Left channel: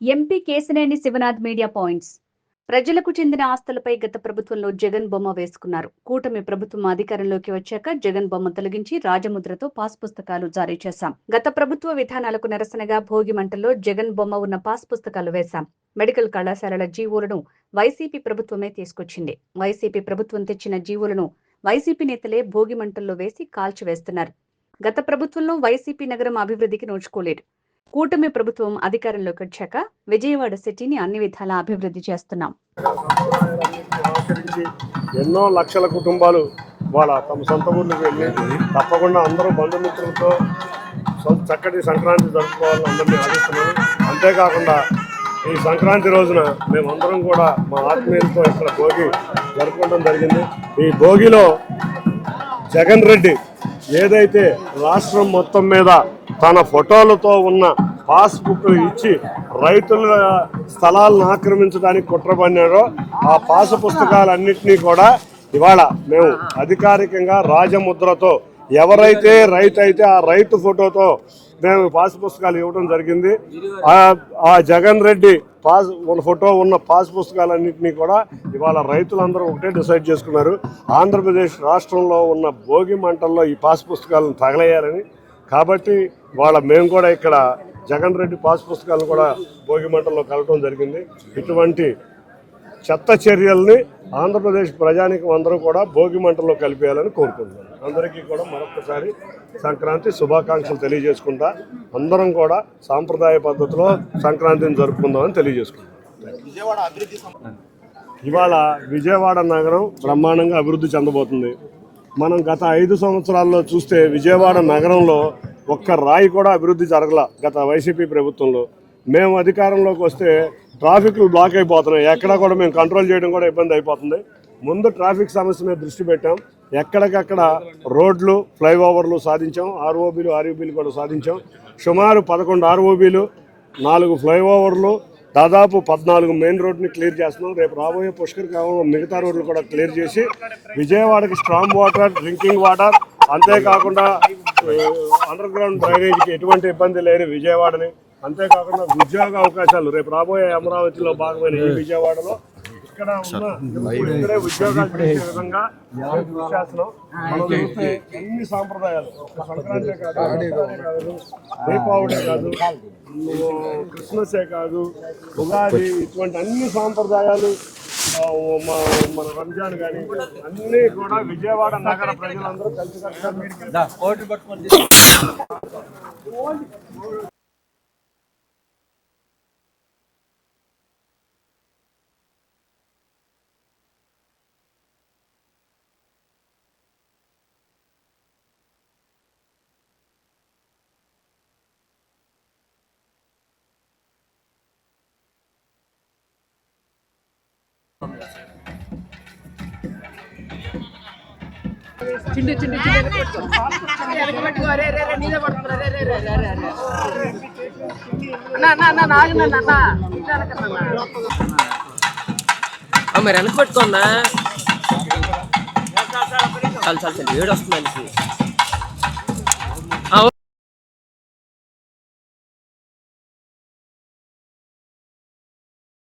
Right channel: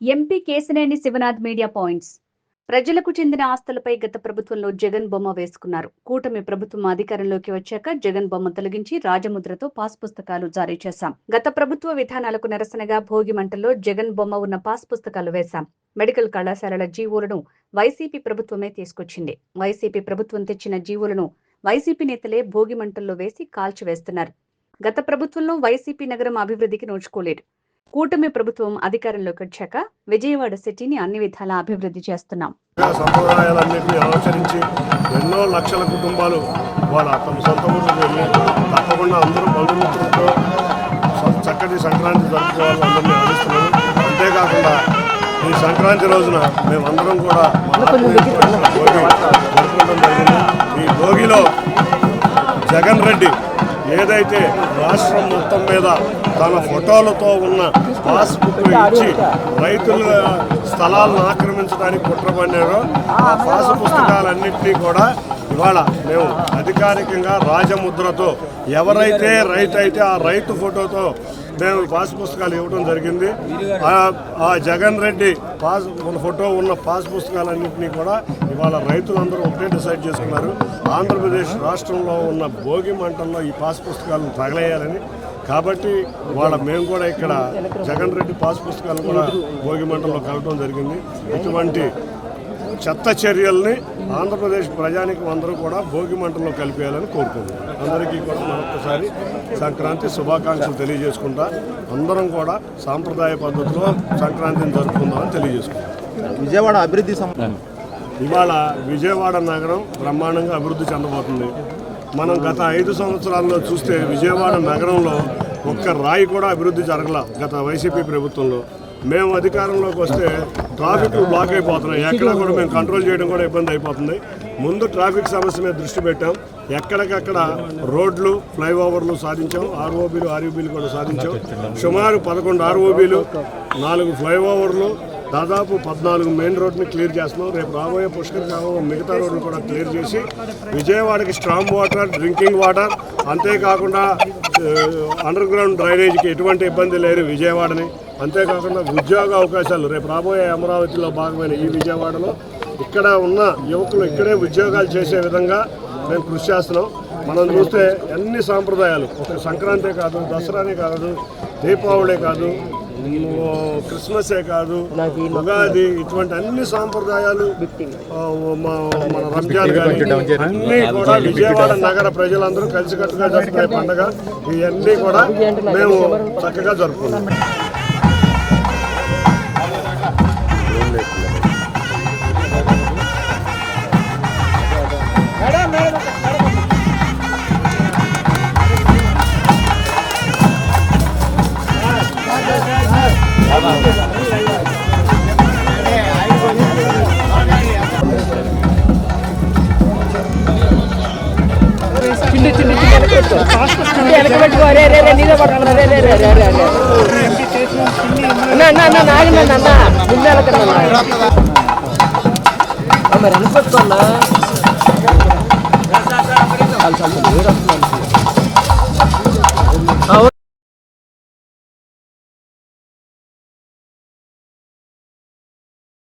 MP Kesineni Sivanath media points. ప్రజలకు చెందిన ఆస్తులపై గత ప్రభుత్వంలో జగన్ బొమ్మ వేసుకున్నారు. కూటమి ప్రభుత్వం అధికారంలోకి వచ్చాక జగన్ బొమ్మ తొలగించి రాజముద్రతో పాస్ పుస్తకాలు జారీ చేశాం. గత ప్రభుత్వ విధానాలకు నిరసనగా భోగి మంటల్లో జగన్ బొమ్మ ఉన్న పాస్ పుస్తకాలు వేశాం. మెడికల్ కళాశాలల జీవోలను వైసీపీ ప్రభుత్వమే తీసుకొచ్చింది. వైసీపీ ప్రభుత్వం తెచ్చిన జీవోలను వైసీపీ నేతలే భోగి మంటల్లో వేసి కాల్చివేస్తున్నారు. గత ప్రభుత్వంలో వైసీపీ నగరం అభివృద్ధికి నోచుకోలేదు. కూటమి ప్రభుత్వం అధికారంలోకి వచ్చాక విజయవాడ సిటీని అన్ని విధాలా అభివృద్ధి చేస్తున్నాం. సంప్రదాయాలన్నింటినీ అనుసరించి ఎన్నో లక్షల కుటుంబాలు వాళ్ళ సొంత ఊళ్ళు వెళ్ళి తప్పకుండా అందరూ బంధుమిత్రులతో చక్కటి సంక్రాంతి జరుపుకోవాలని ఆశిస్తున్నాం. అంతేకాకుండా ఈ సంక్రాంతి రోజున మేమందరం కూడా భోగి జరుపుకోవడం జరిగింది. ఈ భోగిలో జగన్ రెడ్డి ఏదైతే రాష్ట్రం మొత్తం మీద తన ఫోటోలతో ఉన్న పాస్బుక్ ఇచ్చి రైతుల స్థలాలను ఆక్రమించడానికి కుట్రపన్నారో ఆ పాస్ పుస్తకాలన్నింటినీ కూడా ఇవాళ మేము అధికారికంగా రాజముద్రతో ఎవరైతే రైతు అయితే ఆ రైతు ఫోటోతో మేము పాస్ పుస్తకాలు ఇవ్వడం జరిగింది. ఆ జగన్ రెడ్డి ఫోటో ఉన్న పాస్ పుస్తకాలన్నింటినీ కూడా ఇవాళ రైతులందరూ ఒకటే డిసైడ్ చేసుకున్నారు. ఆంధ్రప్రదేశ్ రాష్ట్రంలో ఉన్న భోగి మంటల్లో ఈ పాస్ పుస్తకాలను తగలేయాలని. కాబట్టి మేము కూడా ఇక్కడ జగన్ రెడ్డి పాస్ పుస్తకాలు కూడా భోగి మంటల్లో కలగడం జరిగింది. ఇటువంటి చెత్త చర్యల్ని ఆంధ్రప్రదేశ్ ప్రజానికి అందరూ కూడా భోగి మంటల్లో కలిపేయాలని కోరుకుంటున్నాం. అందరికీ కూడా మరొకసారి సంక్రాంతి శుభాకాంక్షలు తెలియజేసుకుంటా అందరం కూడా సాంప్రదాయ పద్ధతిలో సంక్రాంతిని జరుపుకుందామని తెలియజేసుకుంటాం. విజయవాడ అభివృద్ధి ఇవాళ విజయవాడ నగరం బ్రహ్మాండంగా అభివృద్ధి చెందబోతుంది. మనం గత 5 సంవత్సరాల్లో చూస్తే విజయవాడ నగరంలో ఒక్క రాయి కూడా అభివృద్ధి జరగల. గత వైసీపీ ప్రభుత్వంలో మేము అధికారంలోకి వస్తే ట్రాఫిక్ బ్లాక్ అయిపోతున్నాయి. ఎక్కడ కూడా మేము కంట్రోల్ చేయడం కూడా ఇబ్బంది అయిపోతుంది. ముందు ట్రాఫిక్ సమస్య మీద దృష్టి పెట్టాం. ఎక్కడికక్కడ రోడ్లు ఫ్లైఓవర్లు సాధించాం. ఆర్ఓబీలు ఆర్యూబీలు కూడా సాధించాం. సుమారు 11 ఆర్ఓబీలు, 4 ఫ్లైఓవర్లు, దాదాపు 14 మెయిన్ రోడ్ని క్లియర్ చేస్తున్నాం. రేపు రాబోయే పుష్కర్ మిగతా రోడ్డు కూడా క్లియర్ చేసి విజయవాడకి స్ట్రాంగ్ వాటర్, డ్రింకింగ్ వాటర్, అంతేకాకుండా అండర్ గ్రౌండ్ డ్రైనేజీకి ఎటువంటి ఇబ్బంది లేని విజయవాడని, అంతేకాకుండా ఉద్యోగ అవకాశాలు రేపు రాబోయే అమరావతిలో భాగమైన ఈ విజయవాడలో ఇక్కడ ఉన్న యువకులు ఇక్కడే ఉద్యోగాలు చేసే విధంగా మేము కృషి చేస్తున్నాం. మనం చూస్తే అన్ని సాంప్రదాయాలు, ఒక సంక్రాంతి కాదు, దసరానే కాదు, దీపావళి కాదు, క్రిస్మసే కాదు, ఉగాది, ఇటువంటి అన్ని సాంప్రదాయాలు, మన రంజాన్ కానీ అన్నీ కూడా విజయవాడ నగర ప్రజలందరూ కలిసికట్టుగా జరుపుకునే పండుగ. ఇవన్నీ కూడా మేము చక్కగా జరుపుకున్నాం. అనుకోవట్టుందా